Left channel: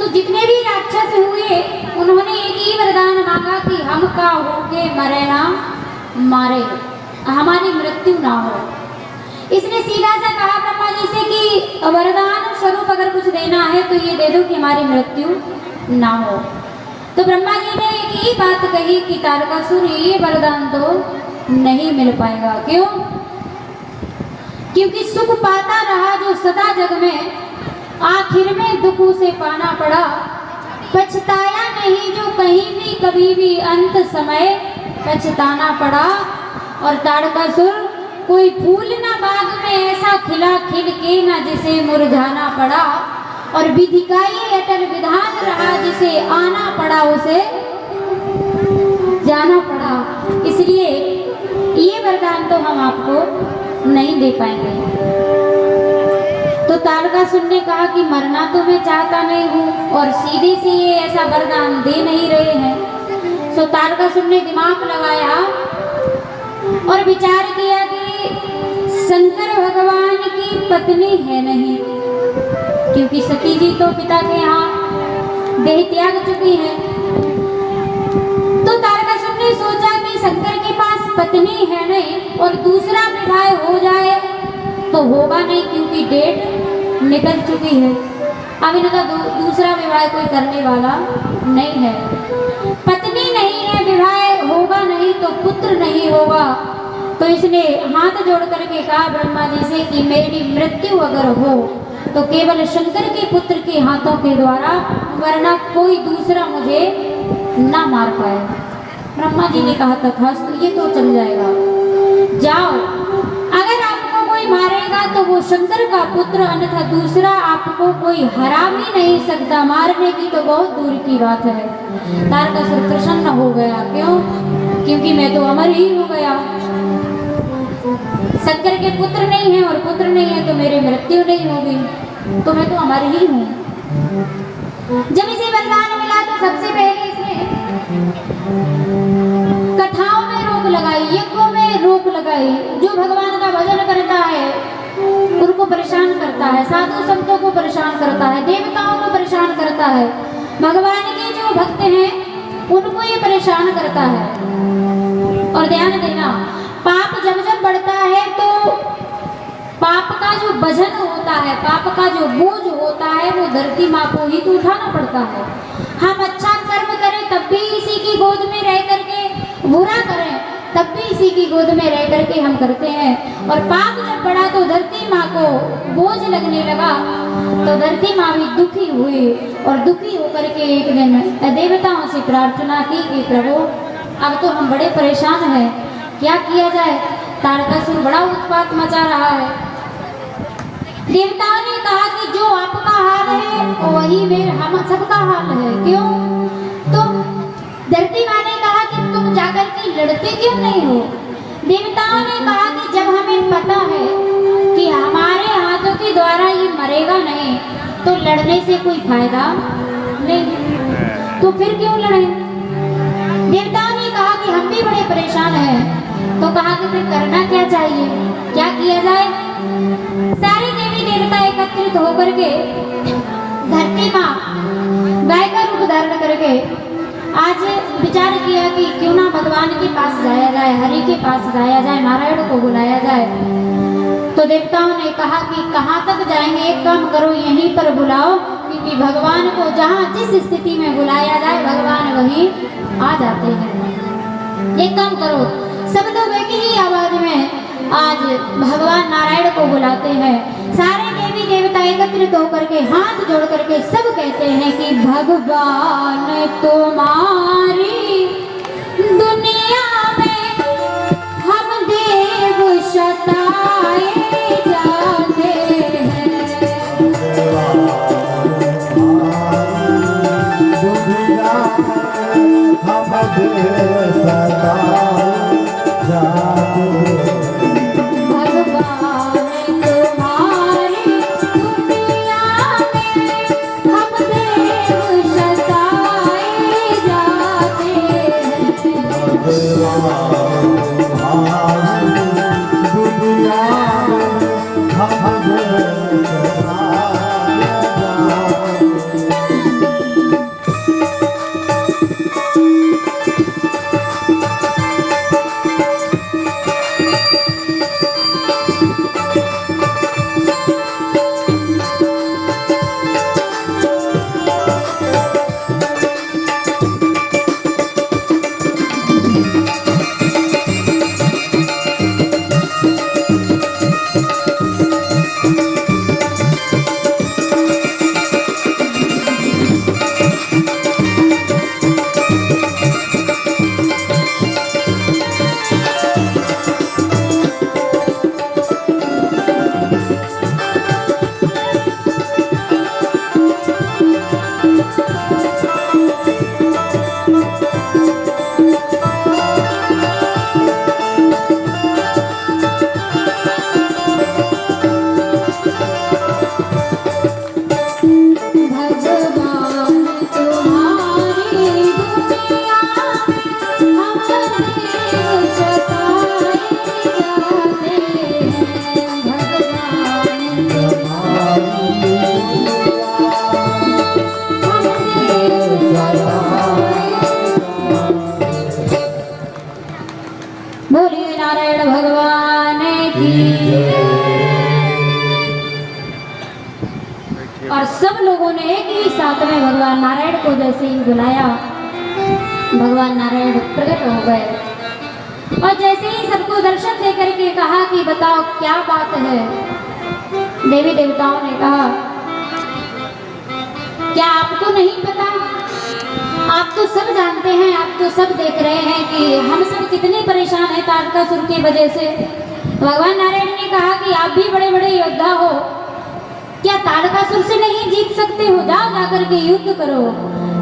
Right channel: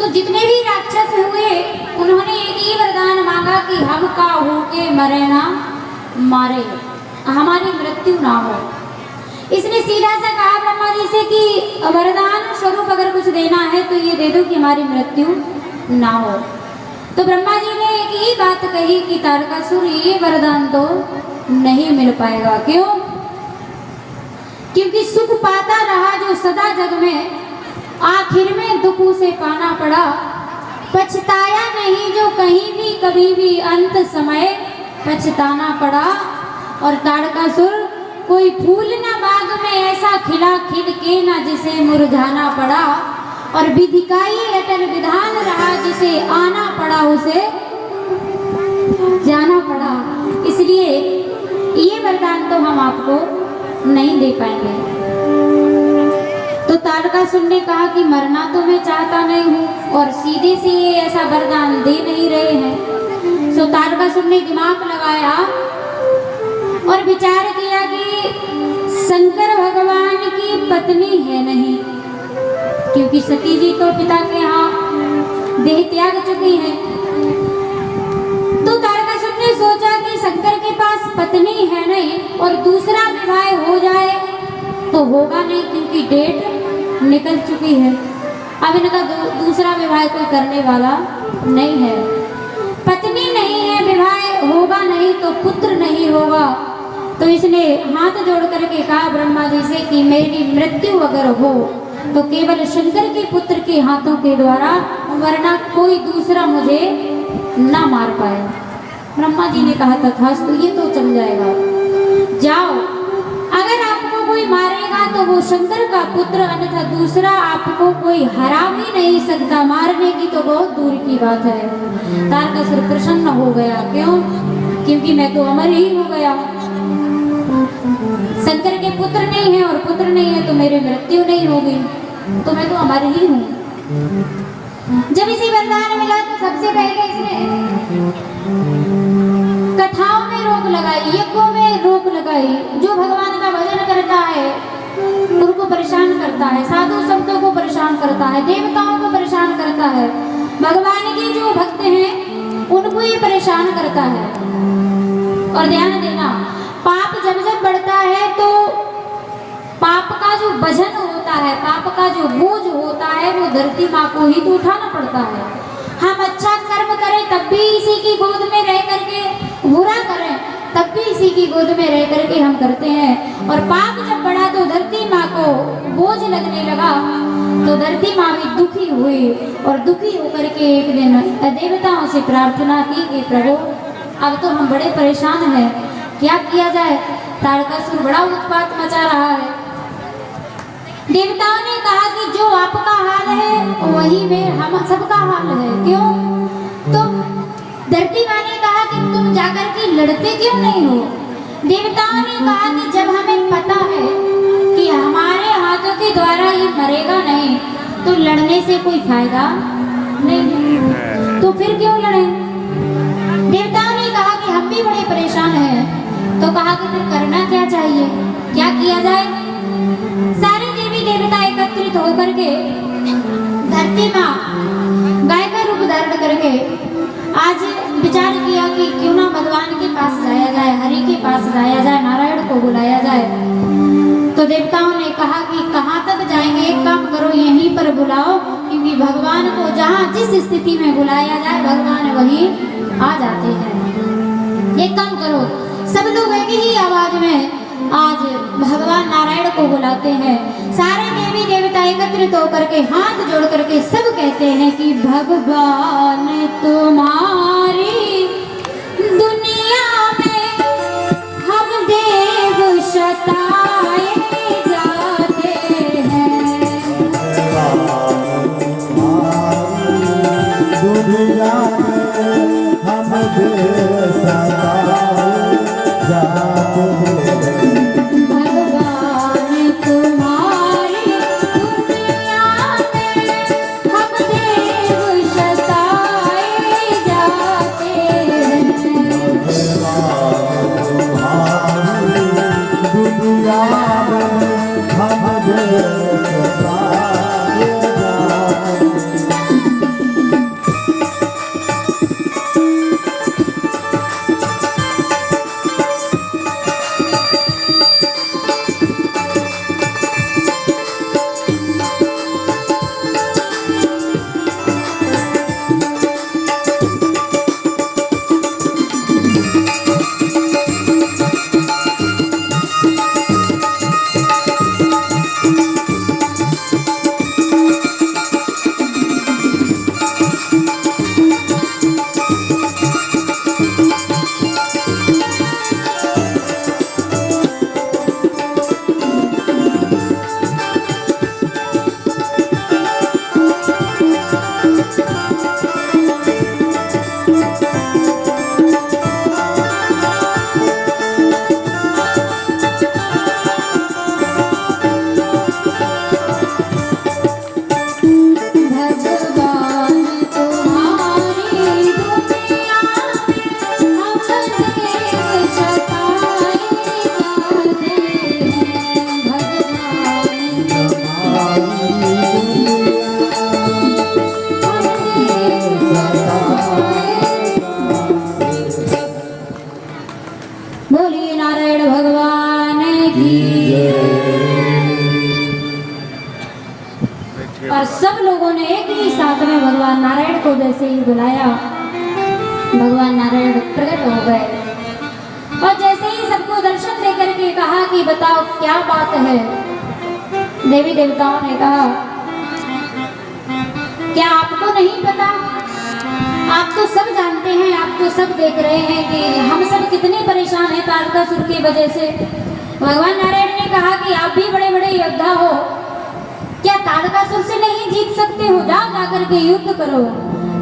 तो जितने भी राक्षस हुए उन्होंने एक ही वरदान मांगा कि हम का होके मरे ना मारे, हमारी मृत्यु ना हो। इसने सीधा सा कहा ब्रह्मा जी से कि वरदान स्वरूप अगर कुछ देना है तो ये दे दो कि हमारी मृत्यु ना हो। तो ब्रह्मा जी ने एक ही बात कही कि तारकासुर ये वरदान तो नहीं मिल पाएगा। क्यों? क्योंकि सुख पाता रहा जो सदा जग में, आखिर में दुख उसे पाना पड़ा। पछताया नहीं जो कहीं भी कभी भी, अंत समय पछताना पड़ा। और तारकासुर कोई फूल ना बाग में ऐसा खिला खिल के ना जिसे मुरझाना पड़ा। और विधि का ये अटल विधान रहा जिसे आना पड़ा उसे जाना पड़ा। इसलिए ये वरदान तो हम आपको नहीं दे पाएंगे। तो तारकासुर ने कहा कि मरना तो मैं चाहता नहीं हूँ और सीधे से ये ऐसा वरदान दे नहीं रहे हैं। तो तारकासुर ने दिमाग लगाया और विचार किया कि शंकर भगवान की पत्नी है नहीं, क्योंकि सती जी तो पिता के यहाँ देह त्याग चुकी है। तो तारकासुर ने सोचा कि शंकर के पास पत्नी है नहीं और दूसरा विवाह हो जाए तो होगा नहीं, क्योंकि डेट निकल चुकी है। अब इनका दूसरा विवाह कोई करने वाला नहीं है। पत्नी नहीं है, विवाह होगा नहीं तो पुत्र नहीं होगा। तो इसने हाथ जोड़ करके कहा ब्रह्मा जी से कि मेरी मृत्यु अगर हो तो केवल शंकर के पुत्र के हाथों के द्वारा, वरना कोई दूसरा मुझे ना मार पाए। ब्रह्मा जी ने कहा तथास्तु, ये तो चल जाएगा, जाओ। अगर आपको कोई मारेगा तो वो शंकर का पुत्र, अन्यथा दूसरा आपको कोई हरा भी नहीं सकता। मारने की तो बहुत दूर की बात है। तारकासुर प्रसन्न हो गया। क्यों? क्योंकि मैं तो अमर ही हो गया। शंकर के पुत्र नहीं है और पुत्र नहीं है तो मेरी मृत्यु नहीं होगी, तो मैं तो अमर ही हूँ। जब इसे वरदान मिला तो सबसे पहले इसने कथाओं में रोक लगाई, यज्ञों में रोक लगाई। जो भगवान का भजन करता है उनको परेशान करता है, साधु संतों को परेशान करता है, देवताओं को परेशान करता है, भगवान के जो भक्त हैं उनको ये परेशान करता है। और ध्यान देना, पाप जब जब बढ़ता है तो पाप का जो वजन होता है, पाप का जो बोझ होता है, वो धरती माँ को ही तो उठाना पड़ता है। हम अच्छा कर्म करें तब भी इसी की गोद में रह करके, बुरा करें तब भी इसी की गोद में रह करके हम करते हैं। और पाप जब बढ़ा तो धरती माँ को बोझ लगने लगा, तो धरती माँ भी दुखी हुई और दुखी होकर के एक दिन देवताओं से प्रार्थना की कि प्रभु अब तो हम बड़े परेशान हैं, क्या किया जाए? तारकासुर बड़ा उत्पात मचा रहा है। देवताओं ने कहा कि जो आपका हाल है वही में हम सबका हाल है। क्यों? तो धरती माँ ने कहा कि तुम जाकर के लड़ते क्यों नहीं हो? देवताओं ने कहा कि जब हमें पता है कि हमारे हाथों के द्वारा ये मरेगा नहीं तो लड़ने से कोई फायदा नहीं, तो फिर क्यों लड़े? देवताओं ने कहा कि हम भी बड़े परेशान हैं। तो कहा कि फिर करना क्या चाहिए, क्या किया जाए? सारे देवी देवता एकत्रित होकर के धरती माँ गाय का रूप धारण करके आज विचार किया कि क्यों ना भगवान के पास जाया जाए, हरि के पास जाया जाए, नारायण को बुलाया जाए। तो देवताओं ने कहा कि कहाँ तक जाएंगे, एक काम करो यहीं पर बुलाओ, क्योंकि भगवान को जहाँ जिस स्थिति में बुलाया जाए भगवान वहीं आ जाते हैं। एक काम करो, सब लोग एक ही आवाज में आज भगवान नारायण को बुलाते हैं। सारे देवी देवता एकत्रित होकर के हाथ जोड़ करके सब कहते हैं कि भगवान तुम्हारी दुनिया में हम देव सताए जाते हैं। दुनिया में हम देव सताए जाते हैं। बोलिए नारायण भगवान की। और सब लोगों ने एक ही साथ में भगवान नारायण को जैसे ही बुलाया, भगवान नारायण प्रकट हो गए और जैसे ही सबको दर्शन दे करके कहा कि बताओ क्या बात है। देवी देवताओं ने कहा क्या आपको नहीं पता, आप तो सब जानते हैं, आप तो सब देख रहे हैं कि हम सब कितने परेशान हैं तारकासुर की वजह से। भगवान नारायण ने कहा कि आप भी बड़े बड़े योद्धा हो, क्या तारकासुर से नहीं जीत सकते हो, जाओ जाकर के युद्ध करो।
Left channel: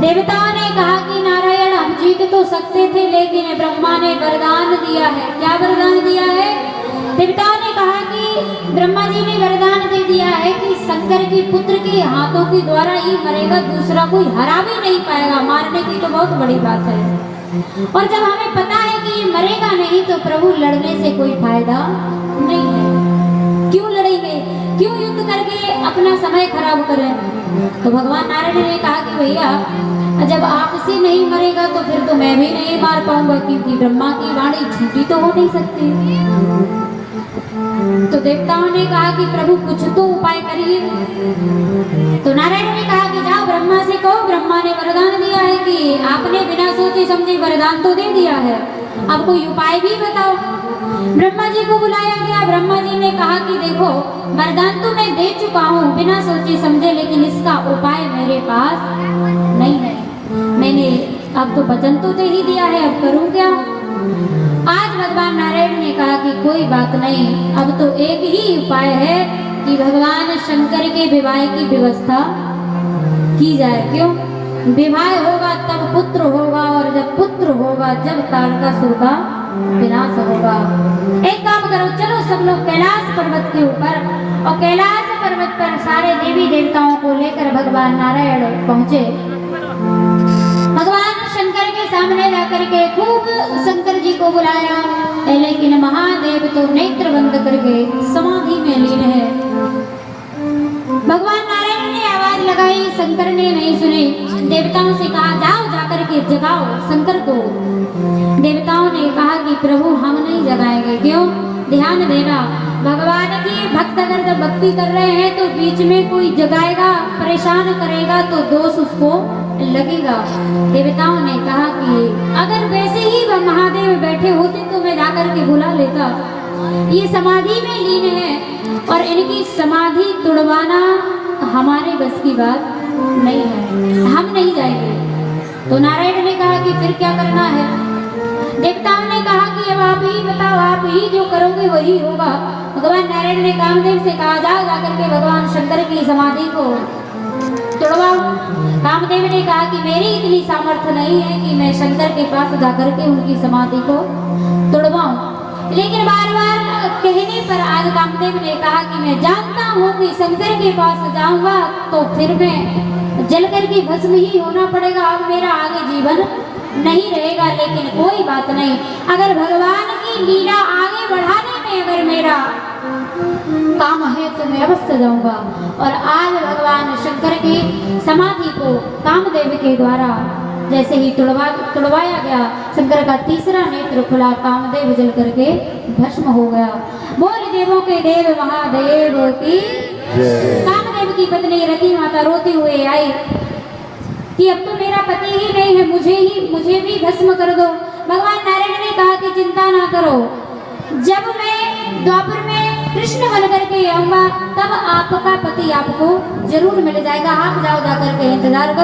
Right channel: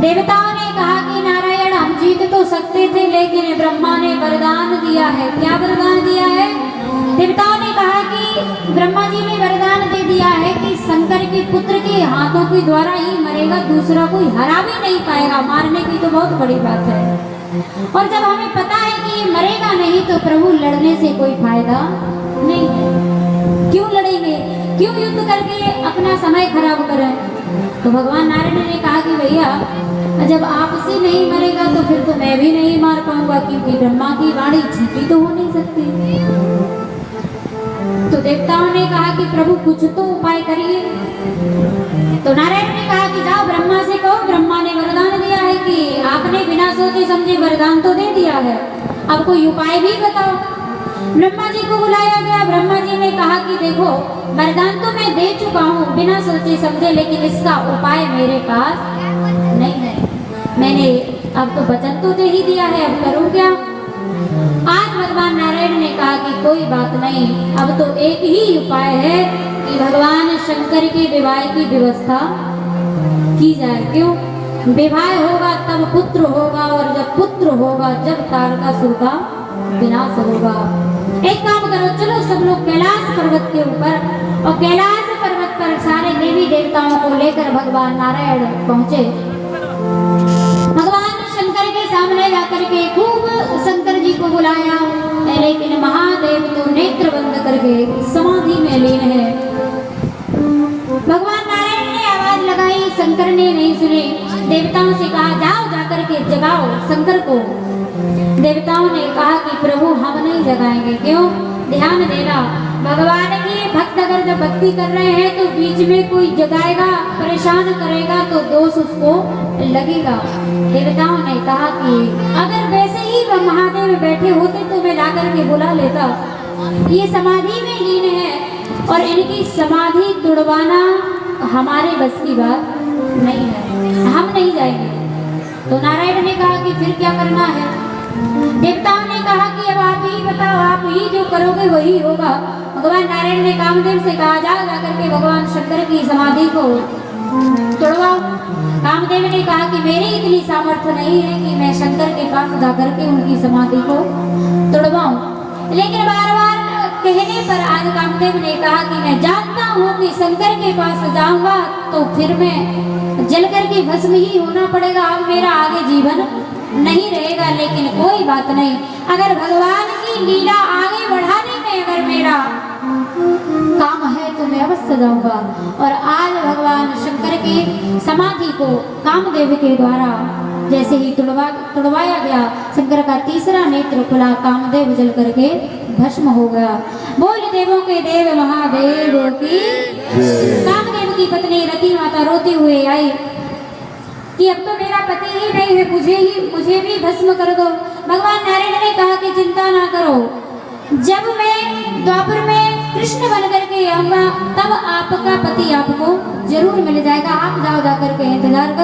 देवताओं ने कहा कि नारायण हम जीत तो सकते थे, लेकिन ब्रह्मा ने वरदान दिया है। क्या वरदान दिया है? देवताओं ने कहा कि ब्रह्मा जी ने वरदान दे दिया है कि शंकर के पुत्र के हाथों के द्वारा ही मरेगा, दूसरा कोई हरा भी नहीं पाएगा। मारने की तो बहुत बड़ी बात है, और जब हमें पता है कि ये मरेगा नहीं तो प्रभु लड़ने से कोई फायदा नहीं है। क्यों लड़ेंगे, क्यों युद्ध करके अपना समय खराब करें। तो भगवान नारायण ने कहा कि भैया जब आपसे नहीं मरेगा तो फिर तो मैं भी नहीं मार पाऊंगा, क्योंकि ब्रह्मा की वाणी झूठी तो हो नहीं सकती। तो देवताओं ने कहा कि प्रभु कुछ तो उपाय करिए। तो नारायण ने कहा कि जाओ ब्रह्मा से कहो, ब्रह्मा ने वरदान दिया है कि आपने बिना सोचे समझे वरदान तो दे दिया है, अब कोई उपाय भी बताओ। ब्रह्मा जी को बुलाया गया। ब्रह्मा जी ने कहा कि देखो वरदान तो मैं दे चुका हूँ बिना सोचे समझे, लेकिन इसका उपाय मेरे पास नहीं है। मैंने अब तो वचन तो दे ही दिया है, अब करूँ क्या। आज भगवान नारायण ने कहा कि कोई बात नहीं, अब तो एक ही उपाय है कि भगवान शंकर के विवाह की व्यवस्था की जाए। क्यों? विवाह होगा तब पुत्र होगा, और जब पुत्र होगा जब तारकासुर का विनाश होगा। एक काम करो, चलो सब लोग कैलाश पर्वत के ऊपर, और कैलाश पर्वत पर सारे देवी देवताओं को लेकर भगवान नारायण पहुंचे। भगवान शंकर के सामने जाकर के खूब शंकर जी को बुलाया, लेकिन महादेव तो नेत्र बंद करके समाधि में लीन है। भगवान नारायण ने आवाज लगाई, शंकर ने नहीं सुनी। देवताओं से कहा जाओ जाकर के जगाओ शंकर को। देवताओं ने कहा कि प्रभु हम नहीं जगाएंगे। क्यों? ध्यान देना, भगवान के भक्त अगर जब भक्ति कर रहे हैं तो बीच में कोई जगाएगा, परेशान करेगा तो दोष उसको लगेगा। देवताओं ने कहा कि अगर वैसे ही वह महादेव बैठे होते तो मैं जाकर के बुला लेता। ये समाधि में लीन है और इनकी समाधि तोड़वाना हमारे बस की बात नहीं है, हम नहीं जाएंगे। तो नारायण ने कहा कि फिर क्या करना है। देवताओं ने कहा कि अब आप ही बताओ, आप ही जो करोगे वही होगा। भगवान नारायण ने कामदेव से कहा जाओ जाकर के भगवान शंकर की समाधि को तोड़वाओ। कामदेव ने कहा कि मेरी इतनी सामर्थ्य नहीं है कि मैं शंकर के पास जाकर के उनकी समाधि को तोड़वाऊं, लेकिन बार बार कहने पर आज कामदेव ने कहा कि मैं जानता हूँ कि शंकर के पास जाऊंगा तो फिर मैं जलकर के भस्म ही होना पड़ेगा, अब मेरा आगे जीवन नहीं रहेगा। लेकिन कोई बात नहीं, अगर भगवान की लीला आगे बढ़ाने में अगर मेरा काम है तो मैं अवश्य जाऊंगा। और आज भगवान शंकर की समाधि को कामदेव के द्वारा जैसे ही तुड़वाया गया, शंकर का तीसरा नेत्र खुला, कामदेव जल करके भस्म हो गया। बोल देवों के देव महादेव की। कामदेव की पत्नी रति माता रोती हुए आई कि अब तो मेरा पति ही नहीं है, मुझे भी भस्म कर दो। भगवान नारायण ने कहा कि चिंता ना करो, जब मैं द्वापर में कृष्ण बन करके आऊंगा तब आपका पति आपको जरूर मिल जाएगा। आप जाओ जाकर के इंतजार करो।